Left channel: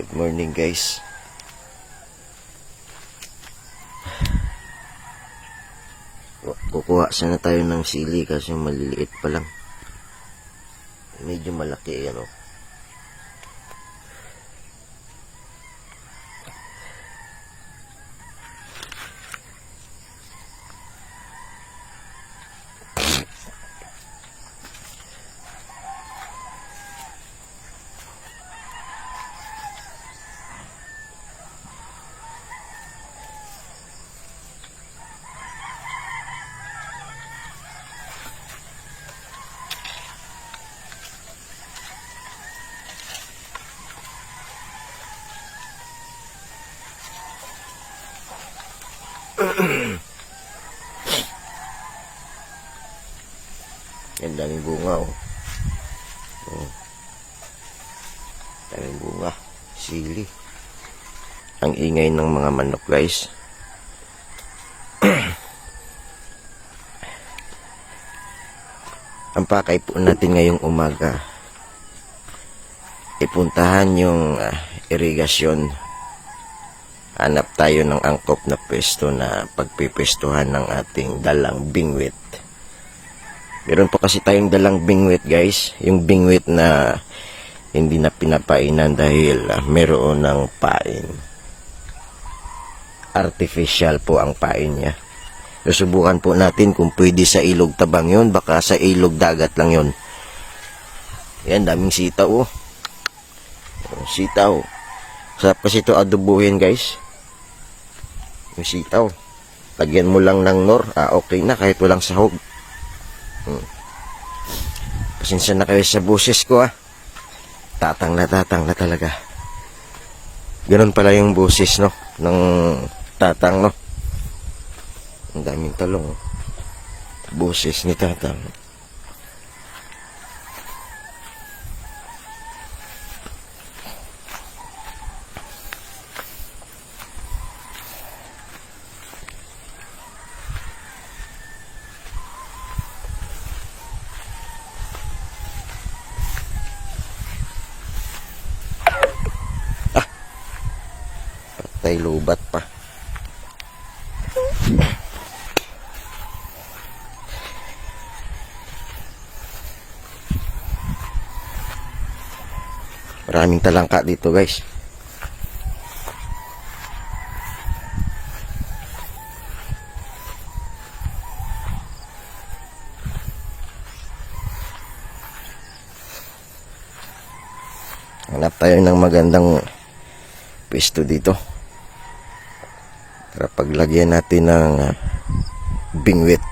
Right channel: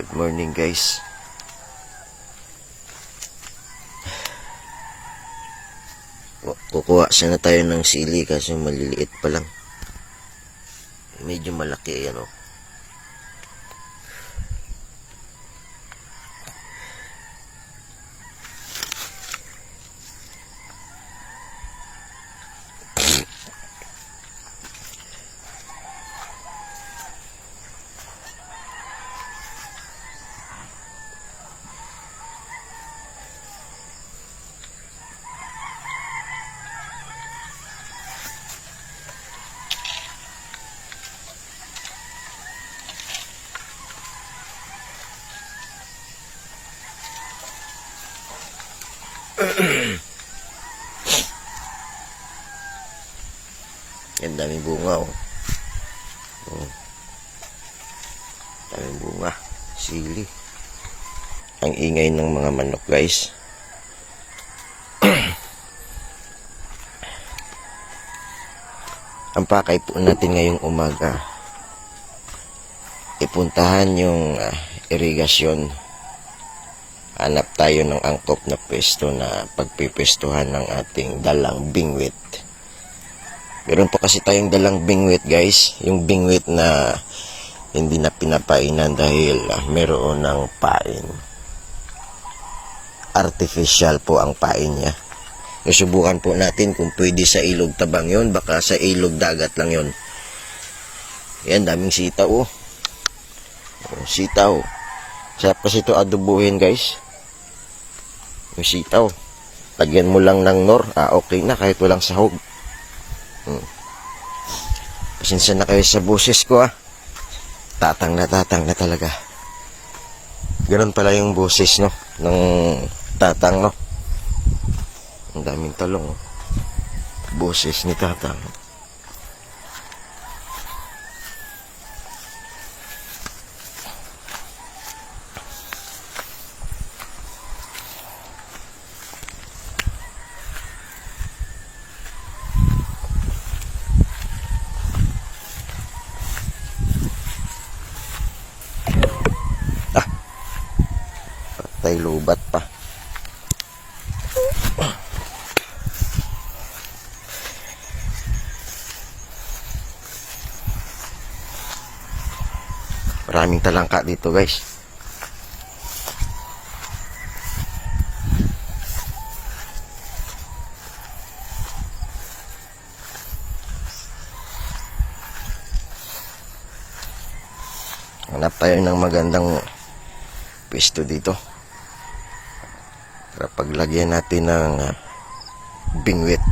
Good morning guys. Ku- Kukuha sana tayo ng sili kasi maliliit pa lang. Medyo malaki yan oh. Yan daming bunga oh. Oh. Daming bunga. Sili. Ang ingay ng mga manok guys. Ang pakay po natin ngayong umaga. Ipuntahan yung ah, irigasyon. Tayo ng angkop na pwesto na pagpipestuhan ng ating dalang bingwit. Meron pa kasi tayong dalang bingwit guys. Yung bingwit na hindi na pinapainan dahil ah, meron ng pain. Artificial po ang pain niya. Susubukan po natin kung pwede sa ilog tabang yon baka sa ilog dagat lang yon. Yan, daming sitaw oh. Oh, Sitaw. Sarap kasi ito adobuhin guys. Yung sitaw. Lagyan mo lang ng nor. Ah, okay na kahit walang sahog. Hmm. Pasensya na kayo sa boses ko ah. Tatang na tatang na talaga. Ganun pala yung boses no. Ng tatang no. Ang daming talong oh. Boses ni tatang. Patay lubat pa. Maraming talangka dito guys. Hanap tayo ng magandang pisto dito. Para paglagyan natin ng uh, bingwit.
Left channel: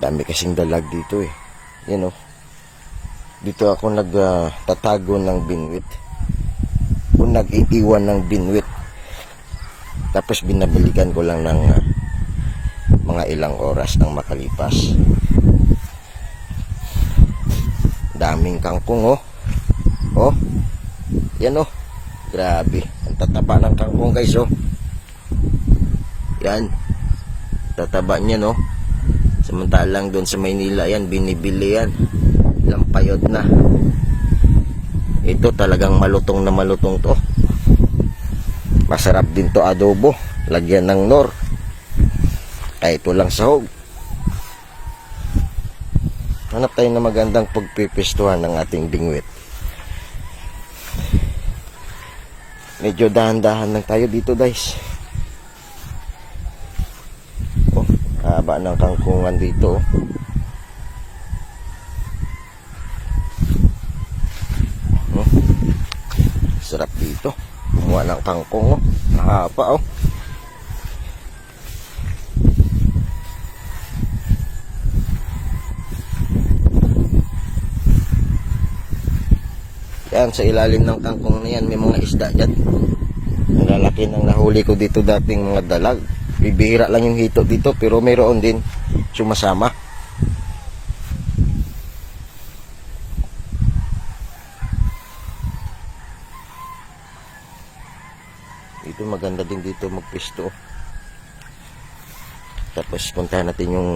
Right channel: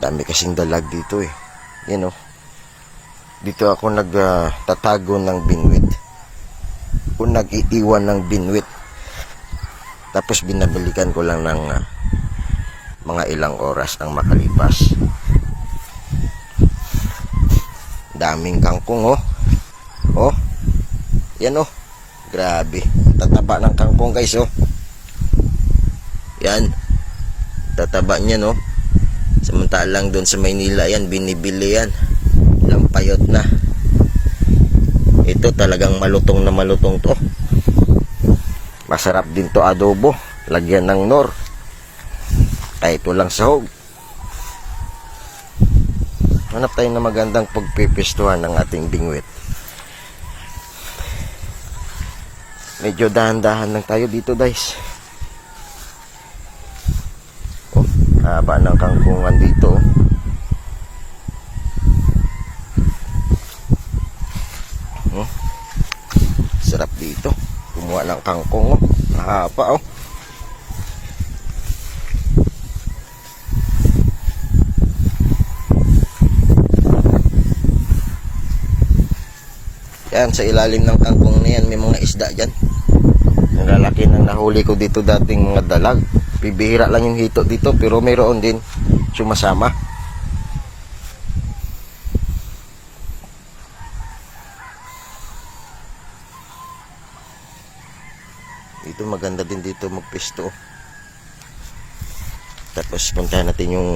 Dami kasing dalag dito eh. Yan oh. Dito ako nagtatago ng binwit. Kung nag-iiwan ng binwit. Tapos binabalikan ko lang ng ah, mga ilang oras nang makalipas. Daming kangkong oh. Oh. Yan oh. Grabe. Tataba ng kangkong guys oh. Yan. Tataba niya no. Samantalang doon sa Maynila yan, binibili yan. Lampayot na. Ito talagang malutong na malutong to. Masarap din to adobo. Lagyan ng nor. Kahit walang sahog. Hanap tayo na magandang pagpipistuhan ng ating bingwit. Medyo dahan-dahan lang tayo dito guys. Oh, haba ng kangkungan dito. Oh, sarap dito. Kumuha ng kangkong oh. Mahaba oh. Yan, sa ilalim ng kangkong na yan, may mga isda dyan. Ang lalaki ng nahuli ko dito dating mga dalag. Bibihira lang yung hito dito, pero mayroon din sumasama. Dito maganda din dito magpisto. Tapos puntahan natin yung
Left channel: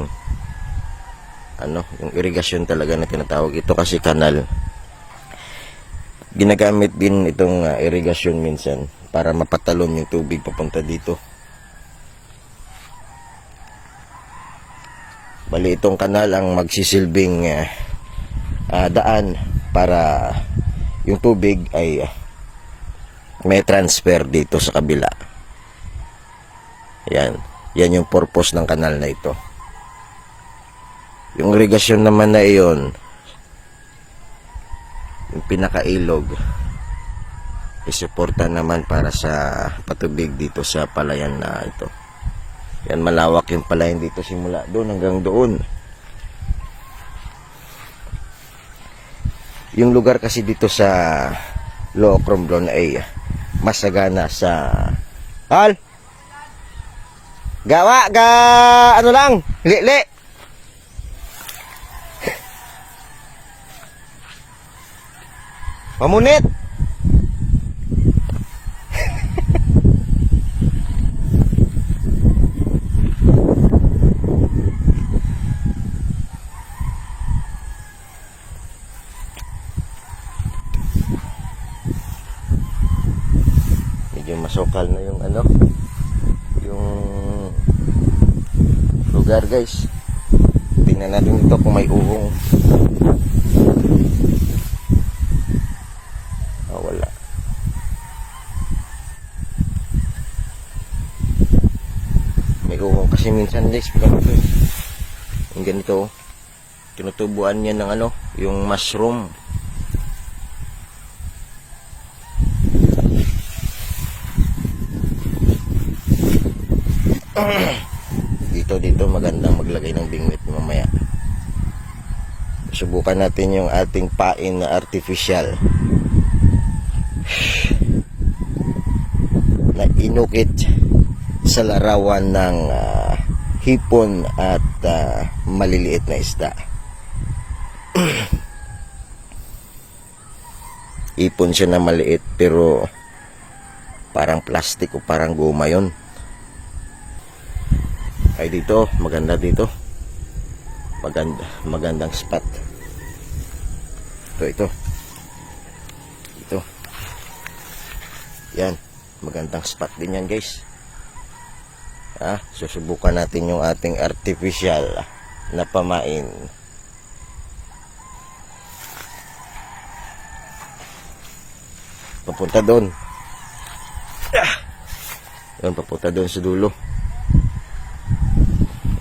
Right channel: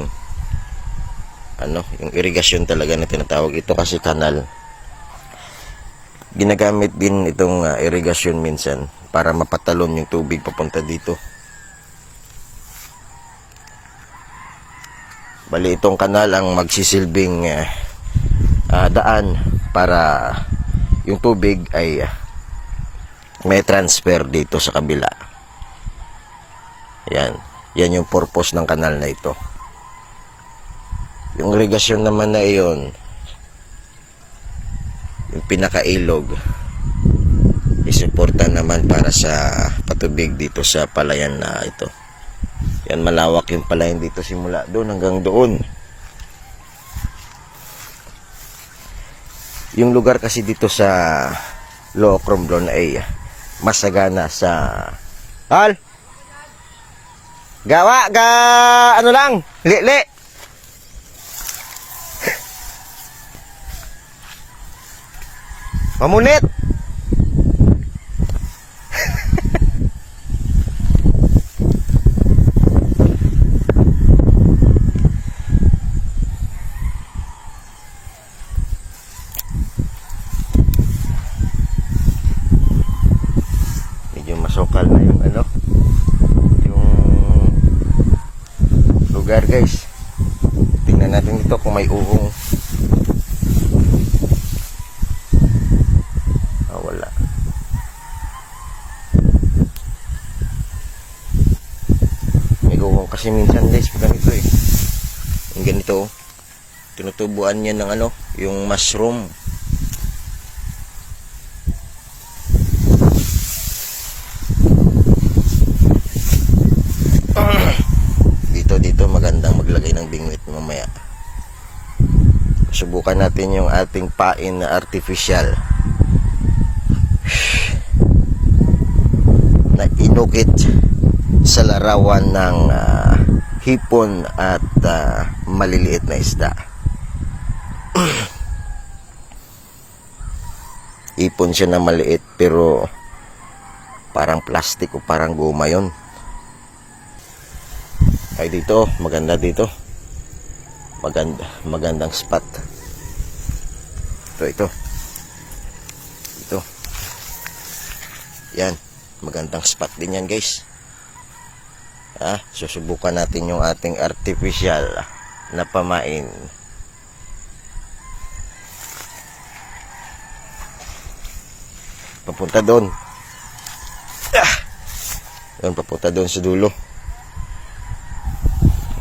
ano, yung irigasyon talaga na tinatawag ito kasi kanal Ginagamit din itong ah, irrigation minsan para mapatalon yung tubig papunta dito. Bali itong kanal ang magsisilbing ah, ah, daan para yung tubig ay ah, may transfer dito sa kabila. Yan. Yan yung purpose ng kanal na ito. Yung irrigation naman na iyon, yung pinakailog, isuporta naman para sa patubig dito sa palayan na ito. Yan, malawak yung palayan dito simula doon hanggang doon. Yung lugar kasi dito sa Locrom doon ay masagana sa Tal! Gawa, ga, ano lang, li-li. Mamunit! medyo masukal na yung ano yung lugar guys tingnan natin ito kung may uhong ah wala may uhong kasi minsan guys pag ganito eh yung ganito. Tinutubuan niya ng ano yung mushroom. Dito dito magandang maglagay ng bingwit mamaya. Subukan natin yung ating pain na artificial. Na inukit sa larawan ng ah, hipon at ah, maliliit na isda. Ipon siya na maliit pero parang plastic o parang goma yun. Ay dito. Maganda dito. Maganda magandang spot. Ito ito. Ito. Yan. Magandang spot din yan guys. Ah susubukan natin yung ating artificial na pamain papunta doon ah, yun papunta doon sa dulo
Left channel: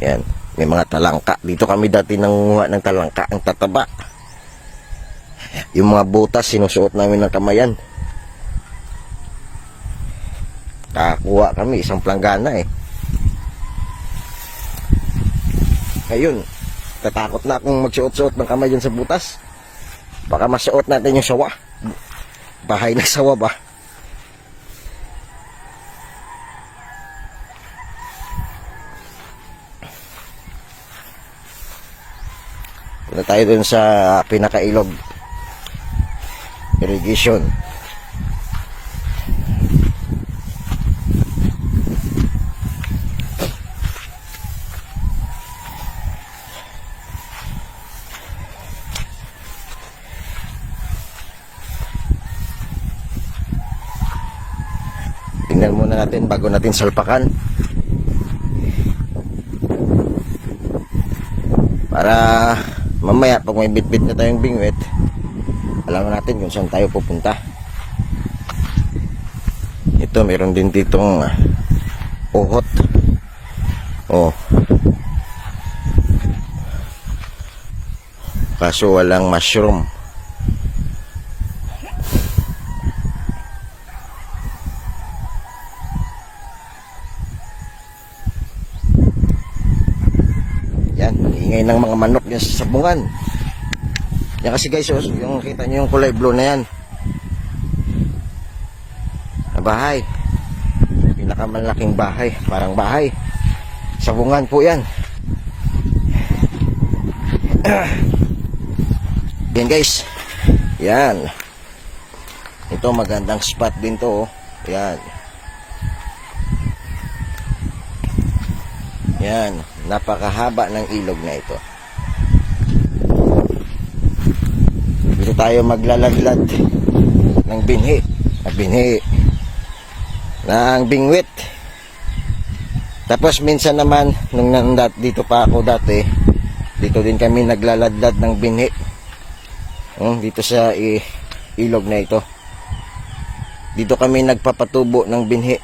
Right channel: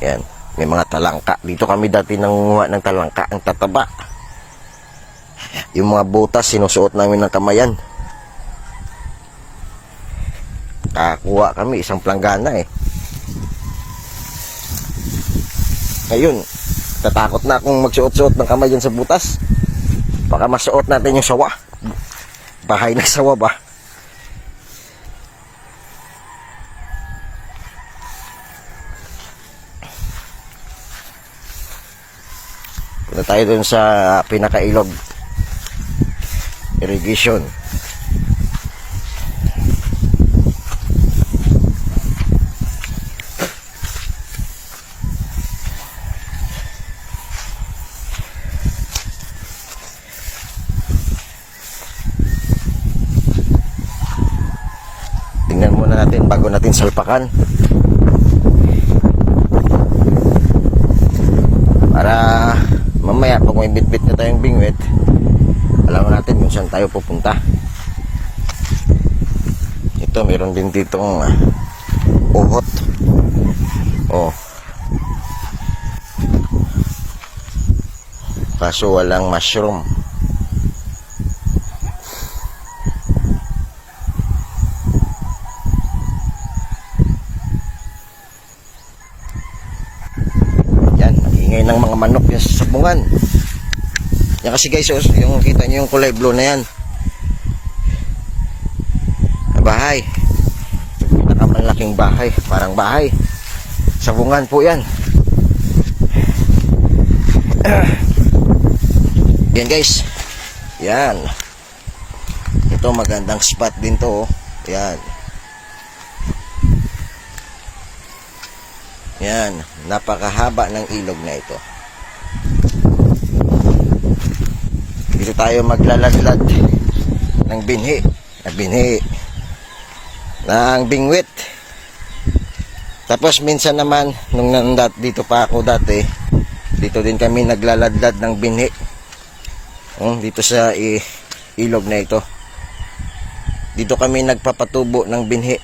yan. May mga talangka. Dito kami dati nangunguha ng talangka. Ang tataba. Yung mga butas, sinusuot namin ng kamayan. Kakuha kami, isang planggana eh. Ayun. Tatakot na akong magsuot-suot ng kamay dyan sa butas. Baka masuot natin yung sawa. Bahay na sawa ba? Punta tayo dun sa pinakailog. Irrigation. Tingnan muna natin bago natin salpakan. para mamaya pag may bitbit na tayong bingwit alam natin kung saan tayo pupunta. Ito meron din ditong uh, uhot. Oh. Kaso walang mushroom Yan, ingay ng yan sa sabungan. Yan kasi guys, oh, yung kita nyo yung kulay blue na yan. Na bahay. Pinakamalaking bahay, parang bahay. Sabungan po yan. Yan guys. Yan. Ito magandang spot din to. Oh. Yan. Yan, napakahaba ng ilog na ito. Tayo maglalaglag ng binhi. Ng binhi. Ng bingwit. Tapos minsan naman, nung nandat dito pa ako dati, dito din kami naglaladlad ng binhi. Oh, dito sa ilog na ito. Dito kami nagpapatubo ng binhi.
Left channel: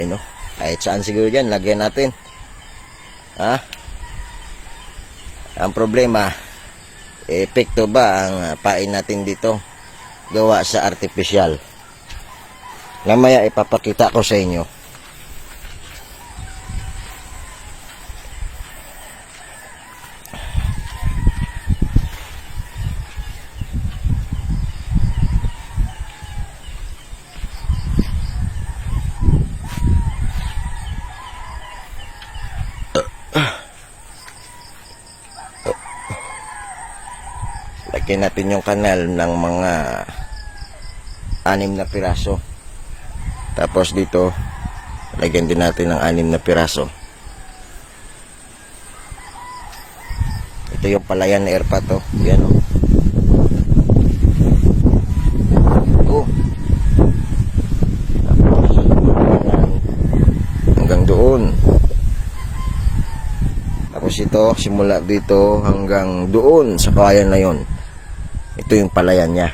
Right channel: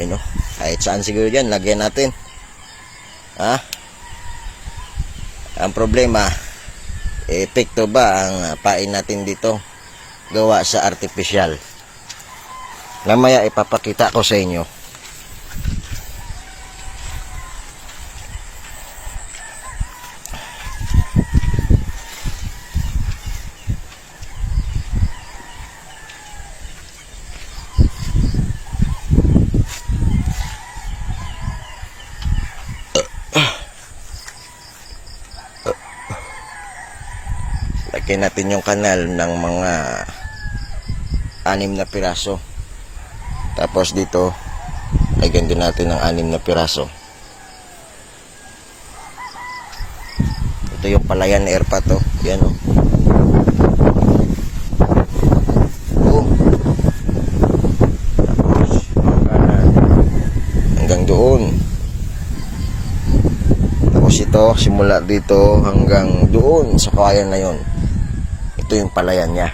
Yun o. Kahit saan siguro dyan, lagyan natin. Ha? Ang problema, epekto ba ang ah, pain natin dito? Gawa sa artificial. Namaya ipapakita ko sa inyo. Lagyan natin yung kanal ng mga anim na piraso. Tapos dito, lagyan din natin ng anim na piraso. Ito yung palayan air pa to. Yan o. Oh. Tapos, hanggang, hanggang doon. Tapos ito, simula dito hanggang doon sa kayan na yon. Ito yung palayan niya.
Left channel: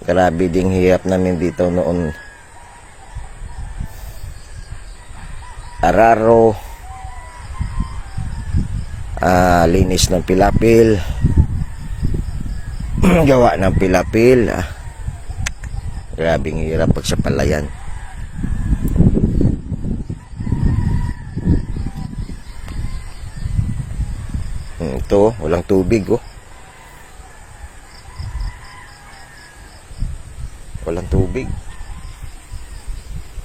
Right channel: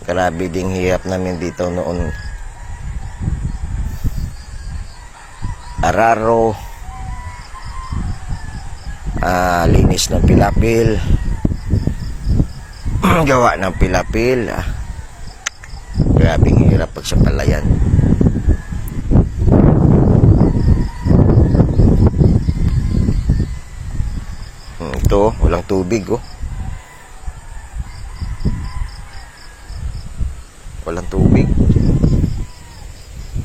Grabe ding hirap namin dito noon. Araro. Ah, linis ng pilapil. Gawa ng pilapil. Ah. Grabe hirap pag sa palayan. Hmm, Ito, walang tubig oh. Walang tubig.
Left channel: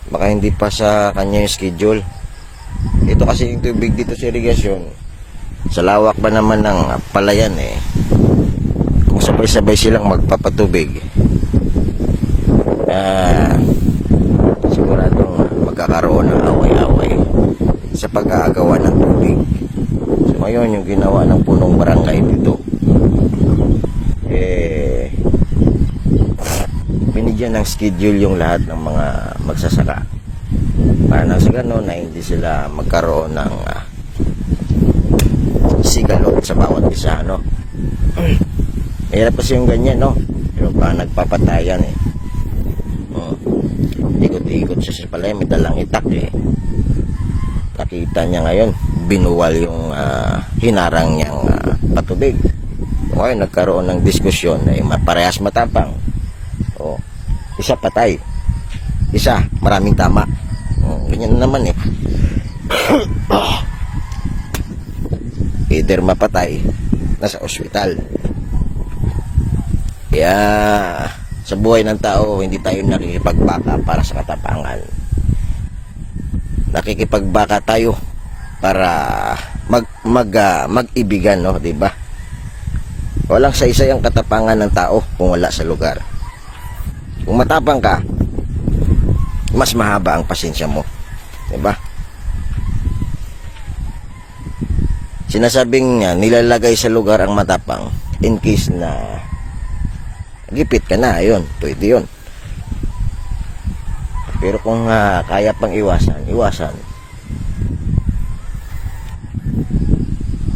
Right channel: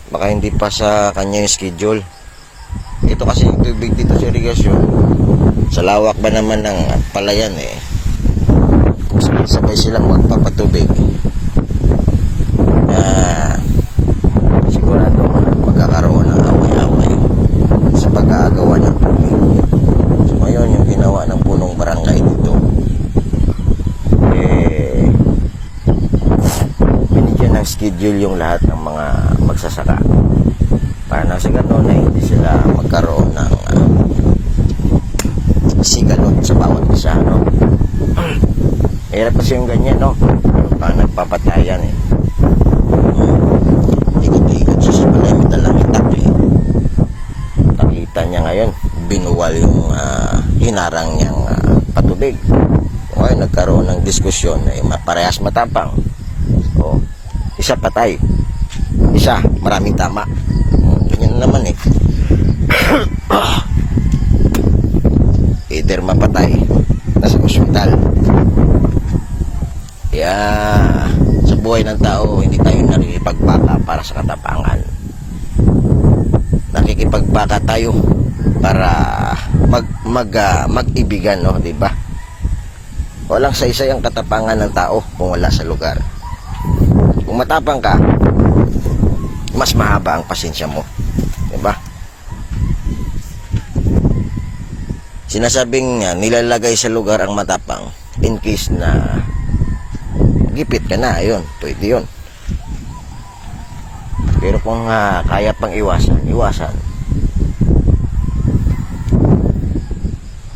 Baka hindi pa sa kanya schedule. Ito kasi yung tubig dito sa irigasyon. Sa lawak ba naman ng palayan eh. Kung sabay-sabay silang magpapatubig. Ah, sigurado magkakaroon ng away-away sa pag-aagawa ng tubig. So ngayon yung ginawa ng punong barangay dito eh binigyan ng schedule yung lahat ng mga magsasaka para sa ganun na hindi sila magkaroon ng uh, sigalot sa bawat isa no? Hirap kasi yung ganyan no? Meron pa nagpapatayan eh. Hmm. ikot-ikot sa simula may dalang itak eh. Nakita niya ngayon binuwal yung ah, hinarang niyang ah, patubig. Ngayon nagkaroon ng diskusyon eh, parehas matapang. O isa patay. Isa maraming tama ganyan naman eh. Either mapatay nasa ospital. Kaya sa buhay ng tao hindi tayo nakikipagbaka para sa katapangan. Nakikipagbaka tayo para mag mag ah, mag-ibigan no? Di ba? Walang sa isa yung katapangan ng tao kung wala sa lugar. Kung matapang ka mas mahaba ang pasensya mo di ba sinasabing uh, nilalagay sa lugar ang matapang in case na gipit ka na ayun pwede yun. Pero kung ah, kaya pang iwasan iwasan.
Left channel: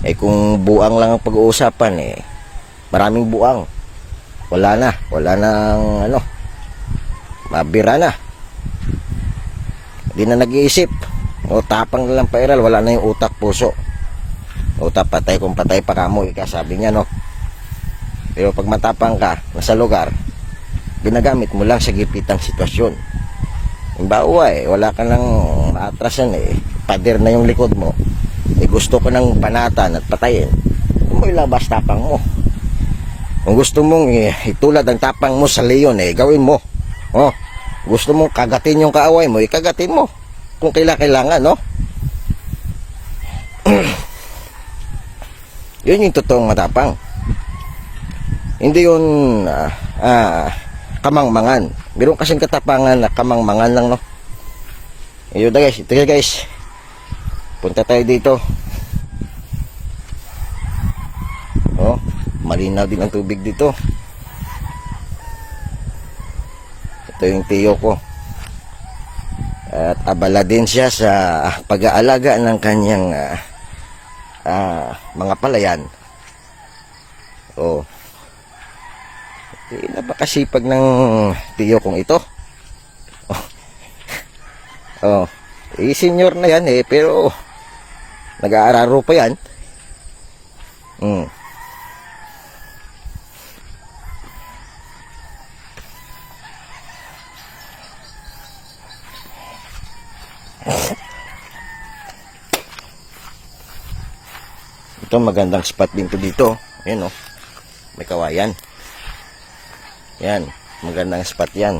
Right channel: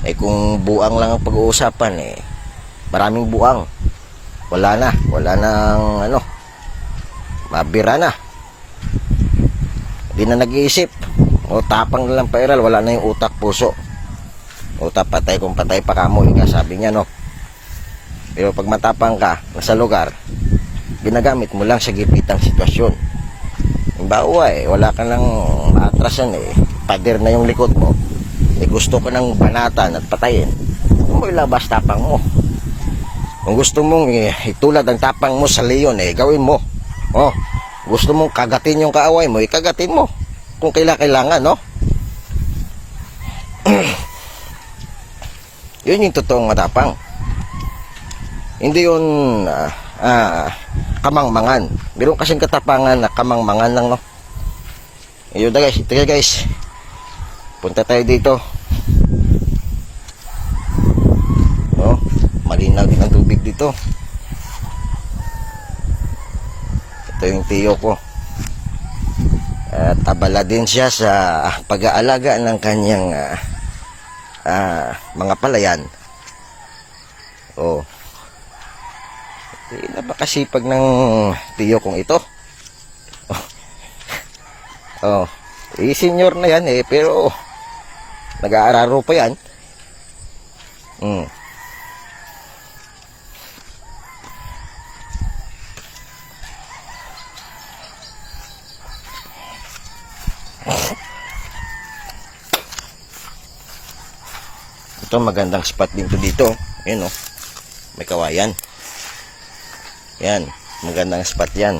Eh kung buang lang ang pag-uusapan eh maraming buang. Wala na wala nang ano mabira na hindi na nag-iisip o tapang na lang pairal wala na yung utak puso utak patay kung patay pa kamo ika sabi niya no pero pag matapang ka nasa lugar ginagamit mo lang sa gipitang sitwasyon Halimbawa eh, wala ka lang maatrasan eh. Pader na yung likod mo. Eh, gusto ko ng banatan at patayin. Mo ilabas tapang mo. Kung gusto mong eh, itulad ang tapang mo sa leon eh, gawin mo. Oh, gusto mong kagatin yung kaaway mo, ikagatin mo. Kung kaila kailangan, no? Yun yung totoong matapang. Hindi yun ah, ah, kamangmangan. Meron kasing katapangan na kamangmangan lang, no? Ayun na guys, ito na guys. Punta tayo dito. Oh, malinaw din ang tubig dito. Ito yung tiyo ko. At abala din siya sa pag-aalaga ng kanyang ah, ah, mga palayan. Oh. Napakasipag ng tiyo kong ito. Oh. oh. Eh, senior na yan eh, pero nag-aararo pa yan. Hmm. Ito magandang spot din to dito. Ayan oh. May kawayan. Yan. Magandang spot yan.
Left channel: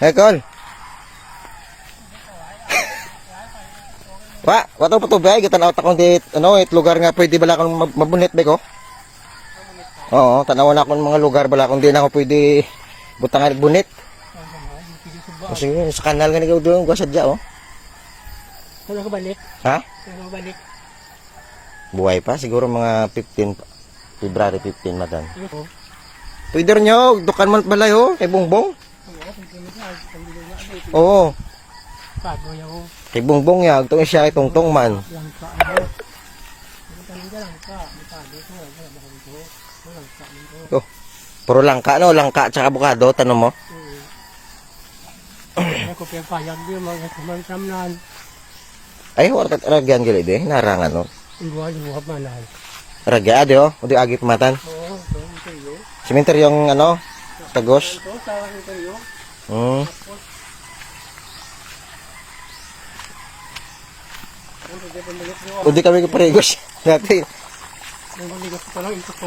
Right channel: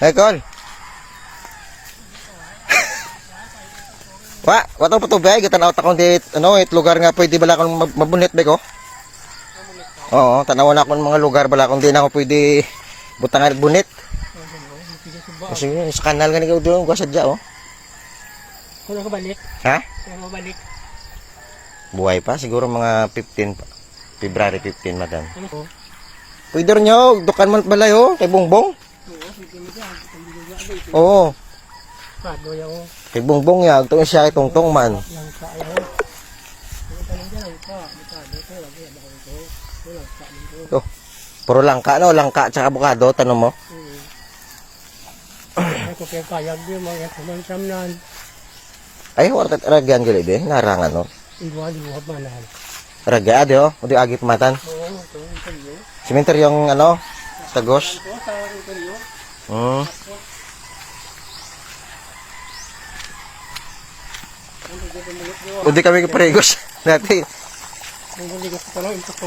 Hey, Col. Wa, wato pa? Gatan out akong dit, ano, it lugar nga pwede bala mab- mabunit ba ko? Oo, tanawan ako ng mga lugar bala kung di na ako pwede butangan bunit. Kasi yun, sa kanal nga nigaw doon, gwa sadya, oh. Kailan ka balik? Ha? Kailan ka balik? Buhay pa, siguro mga 15, pa. February 15, madan. Oo. Pwede rin nyo, dukan man balay, oh, kay Bongbong. Oo, Pago yaw. Kay Bongbong ya, itong siya Tongtong man. Oh, puro langka, no? Langka tsaka abukado, tanong mo. Oo. Ano ko kaya payag din mga kumansamnan. Ay, warkat ragyan gilid eh, narangan, no? Iwa liwab manan. Ragya, adi, oh, udi agi pamatan. Oo. Simenter yung, ano, tagos. Hmm. Udi kami kaparegos. Dati.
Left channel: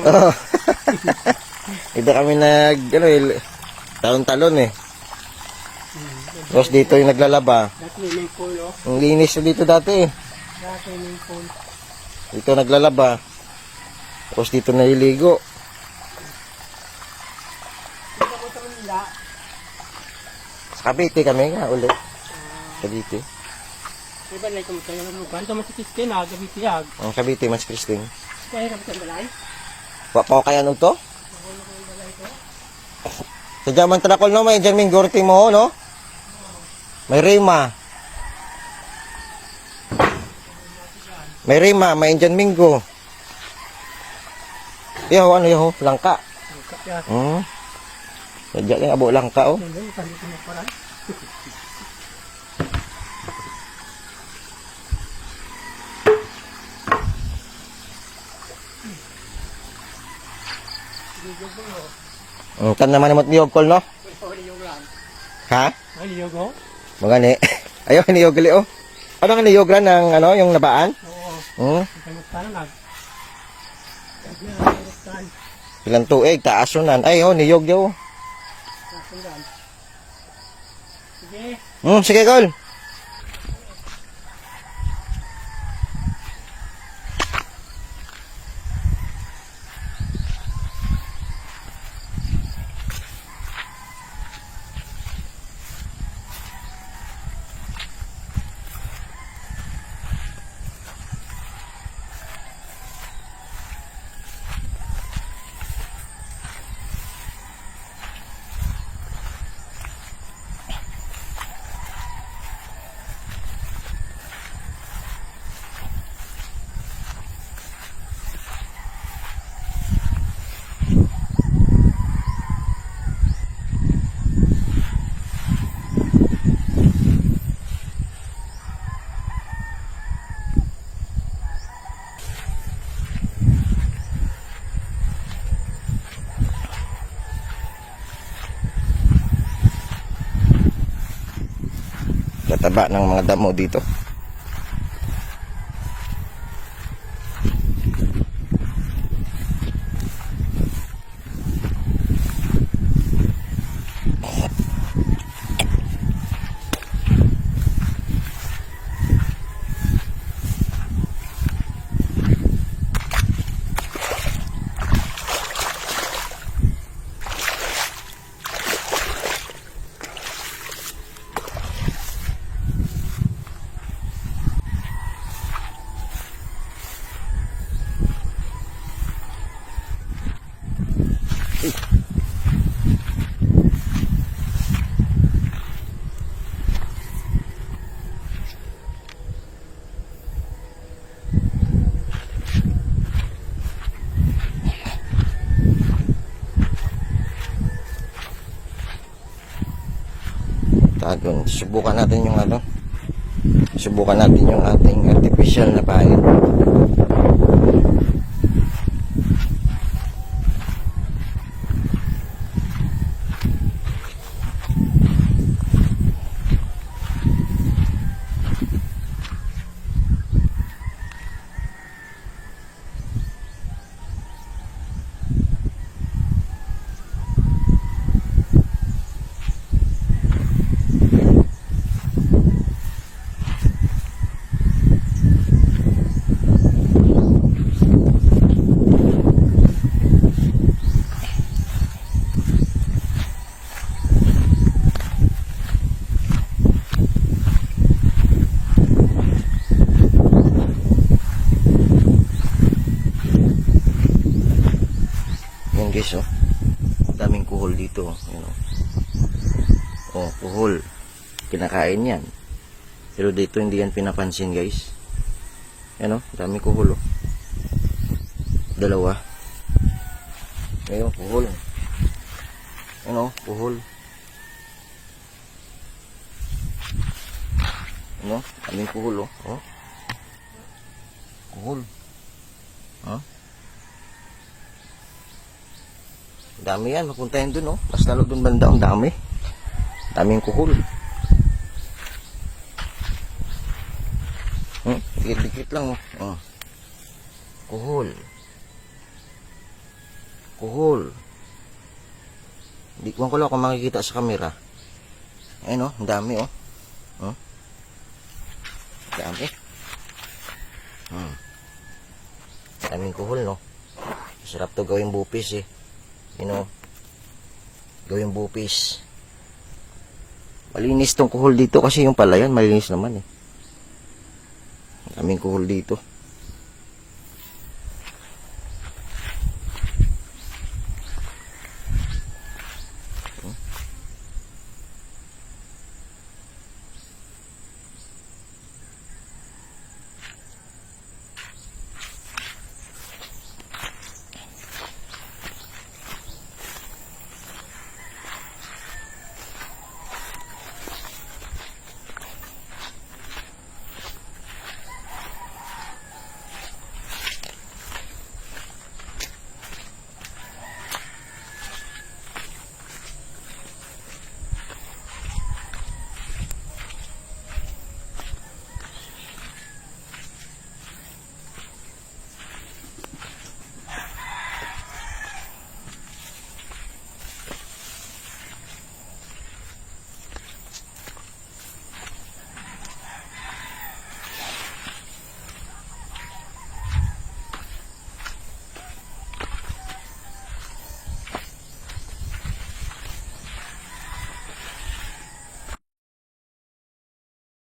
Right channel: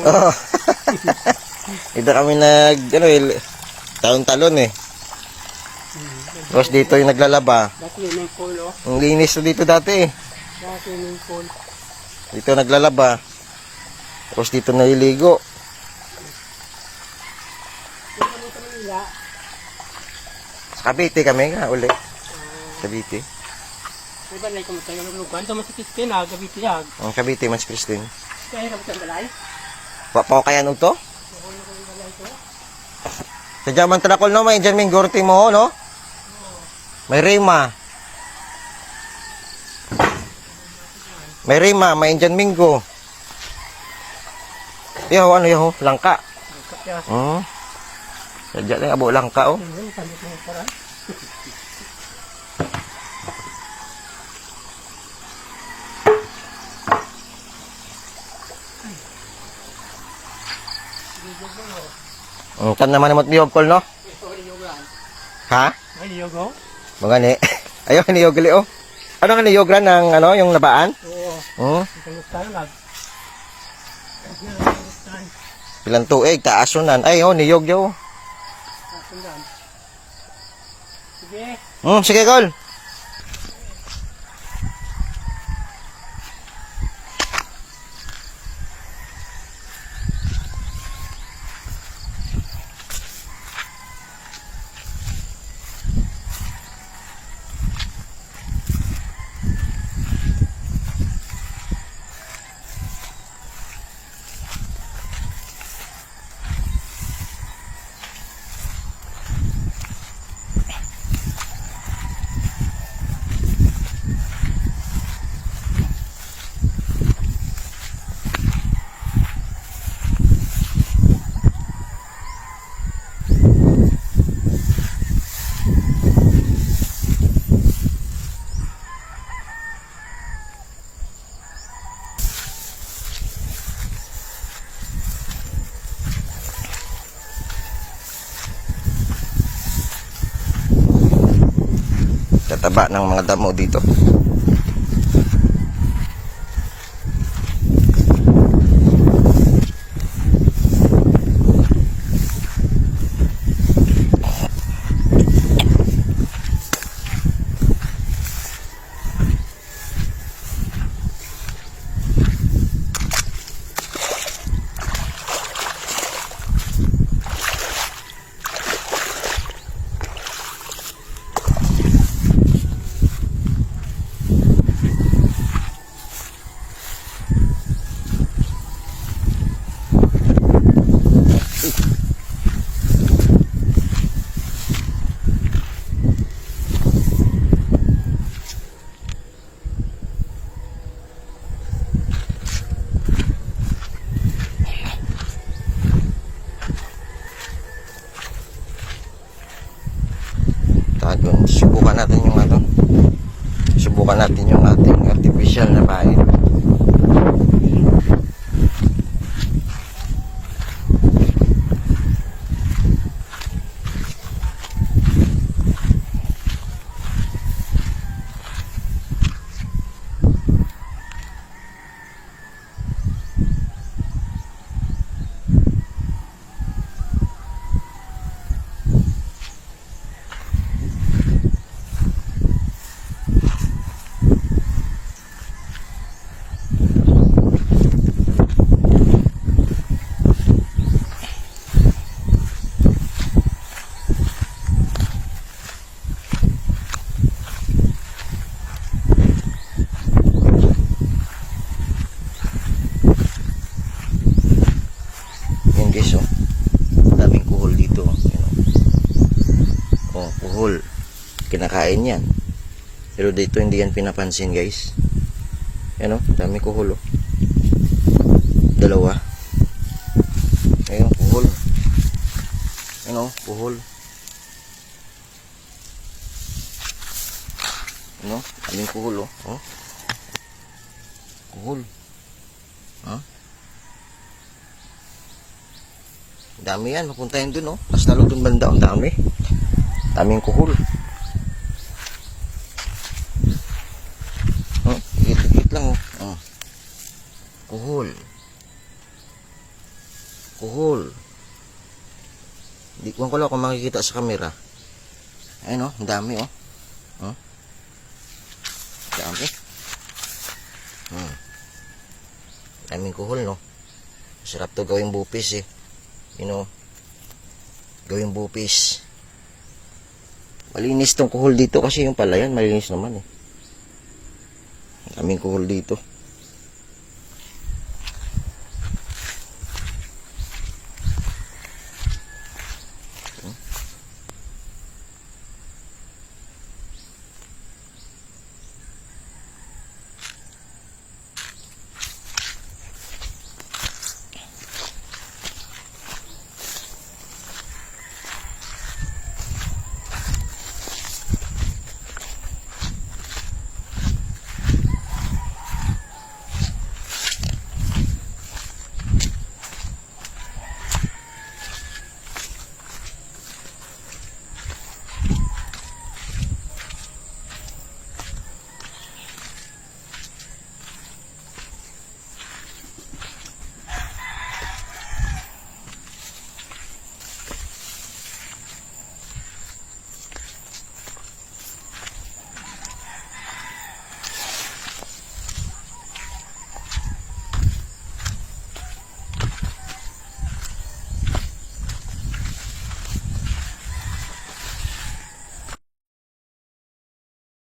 Oo. Iba kami nag, ano eh, talon-talon eh. Tapos dito yung naglalaba. Ang linis dito dati eh. Dito naglalaba. Tapos dito naliligo. Sa Cavite kami nga uli. Cavite. May balay ka mo tayo ng lugan. Ito masikis ka na. Gabi tiyag. Ang Cavite, Mas Christine. Kaya hirap sa balay. Wa pa ko kaya nung to? Sige man tanakol no, may dyan ming gorti mo, no? May rima. May rima, may Indian Mingo. Yaw, ano yaw, langka. Kaya. Hmm. Sadya lang, abo langka, oh. Ang kan naman naman niyog kol, no? Ha? Ay, niyog oh. Mga ni. Ayaw, niyog gali, oh. Ano nga niyog lang ng, ano, yung labaan? Oo. Hmm. Mag. Kaluktan. Ilang tuig, taasunan. Ay, oh, niyog. Kasundan. Sige. Hmm, sige, kol. Kataba ng mga damo dito. Tago. Subukan natin yung ano. Subukan natin yung ating artificial na pain. Yan guys, oh. Ang Daming kuhol dito. oh. Yan, oh. oh, kuhol. Kinakain yan. Pero dito hindi yan pinapansin guys. Yan oh, ang daming kuhol oh. Dalawa. Ayun, kuhol. Ano, kuhol. Ano, daming kuhol oh. oh. Kuhol. Ha? Ang dami yan, mapunta yan dun, oh. Mas lalo dun banda, ang dami. Daming kuhol. Hmm, dikit-dikit lang, oh. oh. Kuhol. Kuhol. Di ko lang kung makikita sa camera. Ayun, oh, ang dami, oh. Oh. Dami. Hmm. Daming kuhol, no? Sarap to gawing bupis, eh you know, gawing bupis. Malinis tong kuhol dito kasi yung palayan, malinis naman eh. Kaming kuhol dito.